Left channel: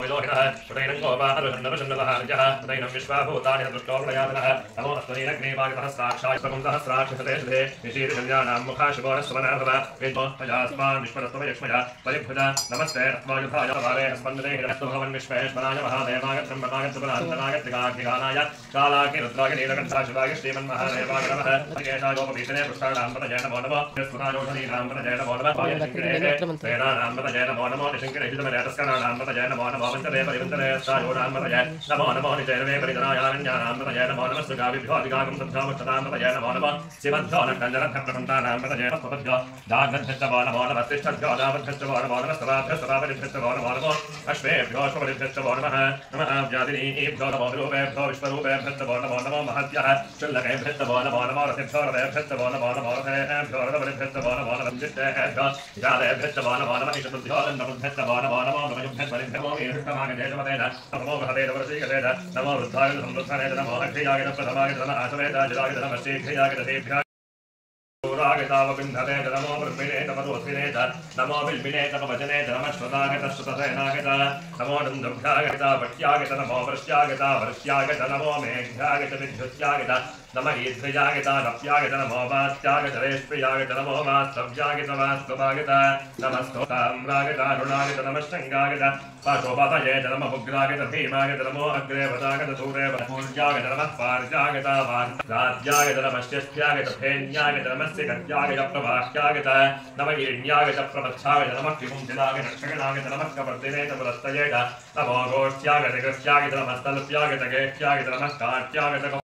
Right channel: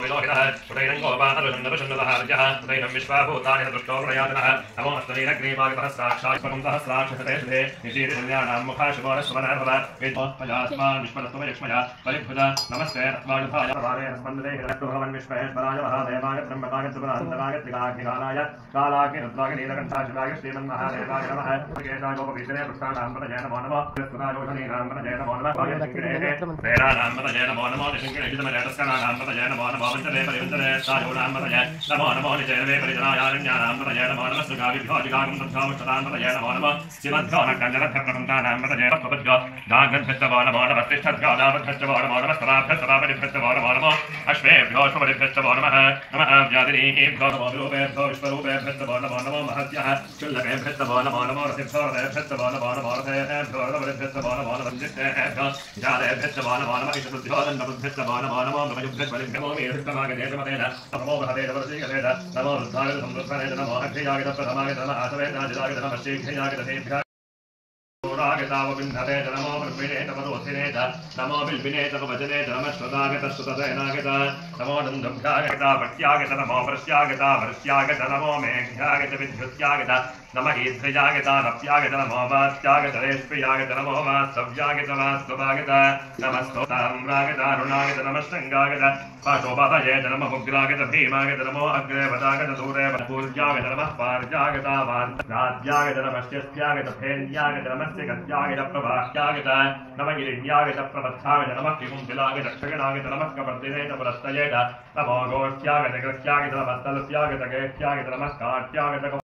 प्रदैनं गोपानरुषण्डरुषण्डलहार्यः प्रदैनं विश्वाभूतानि दृष्टोपयातनः नमो अष्टमीनग्नीवागतहस्राक्षात्मकं सहस्राक्षसते शुभे निशीर्षण्यानां मुखाशिवोरस्वनर्भव वेदो अजास्मान् विश्वरत्वमयक्ष्मया परिभुजा नमस्ते वायुधाय भावे स्पन्दने हिरण्यभवन् विश्वेश्वराय महादेवाय त्र्यम्बकाय त्रिपुरान्तकाय त्रिकाग्निकालाय कालाग्नि रुद्राय नीलकण्ठाय शिवाय श्रीमन्महादेवाय नमः केशायोपवीतने पुष्टाणां पतये नमो नमः कृष्णायोषधीनां पतये नमो नमः वायुशिङ्किरेः प्रेणानां पतये नमो नमः निशिङ्किरेभितमरेतस्कराणां पतये नमो नमः वञ्चने परिवृन्दने सायोनां पतये नमो नमो निचैनवे परिजनायारण्यानां पतये नमो नमः सुगाविभ्योऽधिकागं तद्भ्योमुक्षतां पतये नमो नमः शिवद्भ्यो नक्कञ्जनभ्यप्रपन्तानां पतये नमो दागन्भ्यस्तवो नमो नमः तिष्ठद्भ्यो नामभ्यस्तवो नमो नमः स्तवाभ्यस्तवापरिभ्यस्तवो नमो नमः अश्वेभ्यो अश्वपरिभ्यस्तवो नमः नमः व्याधिनीभ्यो नमो विरूपेभ्यो विश्वरूपेभ्यस्तवो नमो नमो महद्यः शुल्लकेभ्यस्तवो नमो नमो रथिभ्यो नमो नमो रथेभ्यो रथपरिभ्यस्तवो नमो नमः जिष्टेभ्यो जातेभ्यस्तवो नमो नमः ईशपुभ्यो दण्डपुभ्यस्तवो नमो नमो नमयुभ्यस्वरिभ्यो मीरुष्टमागजेतमतेन नमो महदेवरसीगतेन नमो वृद्धाय समृद्धनेन नमो अक्षयाय प्रथमाय नमः आसवेदाय नमः श्रीभ्ययाय तेभ्यः रागतावबिन्धते नमो ब्रह्मिणे तमदोत्थिने नमो बिल्बिने तमवचने नमश्वतागत श्रुतसेनागत नमो नन्दभ्यागत भट्यागत नमो वृष्यागत भृष्यागत नमो मेघ्यागत विद्युत्यागत नमः ईध्रयागत नप्यागत नमो वात्यागत रेष्प्यागत नमो वास्तव्यागत वास्तवागत नमस्तोताम्रागत अरुणागत नमः शृङ्गागत पाशोपभयेत नमः उग्रागत भीमागत नमो अग्रेवतागत दूरे पूर्यागत नमः पार्यागत वार्यागत नमः शिष्ट्यागत फेन्यागत नमः गत्यागत प्रभाष्यागत नमः गिरिण्यागत प्रपथ्यागत नमः त्रिपुंसिलागत क्षिणागत नमः कपर्दिने पुरस्तयेत नमो गोष्ठ्यागत कृष्यागत नमः तल्प्यागत गेष्ट्यागत नमः काट्यागत